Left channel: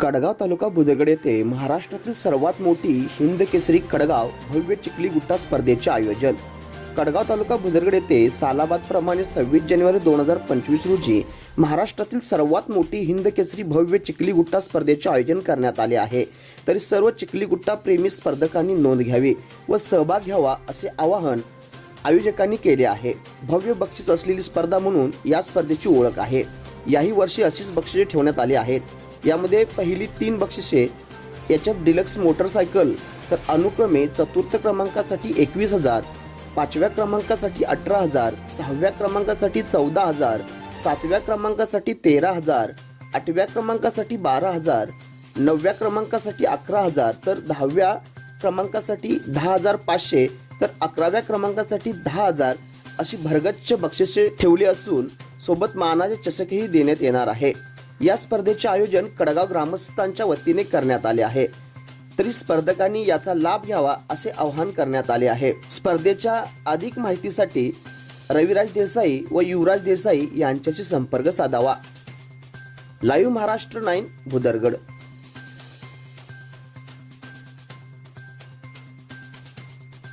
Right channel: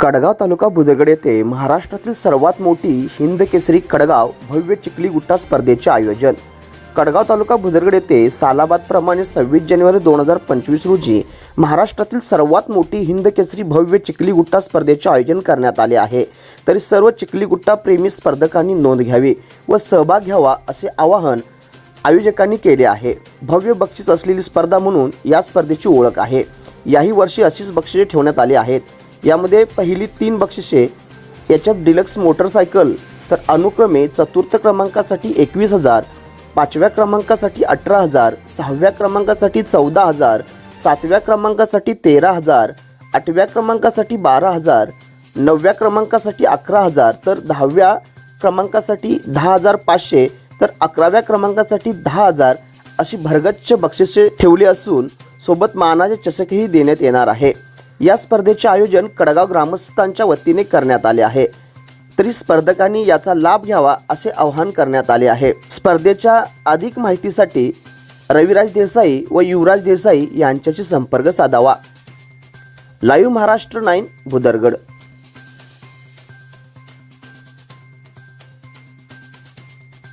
कडगाव तालुका बुजगड येथे महाराष्ट्रातील सर्वात मोठी हिंद केसरी कडगाव भव्य चिखली गुट्टा स्पर्धेचे आयोजन. कडगाव तालुका बुदरगड येथे सालाबादप्रमाणे सव्वीस जानेवारी दोन हजार पंचवीस रोजी महाराष्ट्रातील सर्वात मोठी हिंद केसरी भव्य चिखली गुट्टा स्पर्धेचे आयोजन करण्यात आले आहे. तरी सर्व चिखली गुट्टा प्रेमी स्पर्धकांनी नोंद घ्यावी व सहभाग घ्यावा असे आवाहन आयोजकांनी केले आहे. भव्य बक्षीस असलेली स्पर्धा म्हणून या स्पर्धेची ओळख आहे. याही वर्षी अशीच बक्षिसे ठेवण्यात आली आहेत. यामध्ये पहिली तीन बक्षिसे याच्यात डिलक्स मोटरसायकल तर अनुक्रमे चतुर्थ क्रमांकासाठी एकवीस हजार पाचव्या क्रमांकासाठी अठरा हजार सहाव्या क्रमांकासाठी चौदा हजार सातव्या क्रमांकासाठी तेरा हजार आठव्या क्रमांकासाठी बारा हजार नवव्या क्रमांकासाठी अकरा हजार तर दहाव्या क्रमांकासाठी दहा हजार पाचशे तर अकराव्या क्रमांकासाठी दहा हजार अशी भरगच्च बक्षिसे ठेवली असून सोबत मानाचे चषकही देण्यात येणार आहे. या स्पर्धेचे आयोजन कडगाव ग्रामस्थांच्या वतीने करण्यात आले आहे. तरी स्पर्धकांनी याचा लाभ घ्यावा असे आवाहन करण्यात आले आहे. स्पर्धेच्या अधिक माहितीसाठी रविराज देसाई व युवराज देसाई यांच्याशी संपर्क साधावा. Live Maharashtra nine Bhudargad.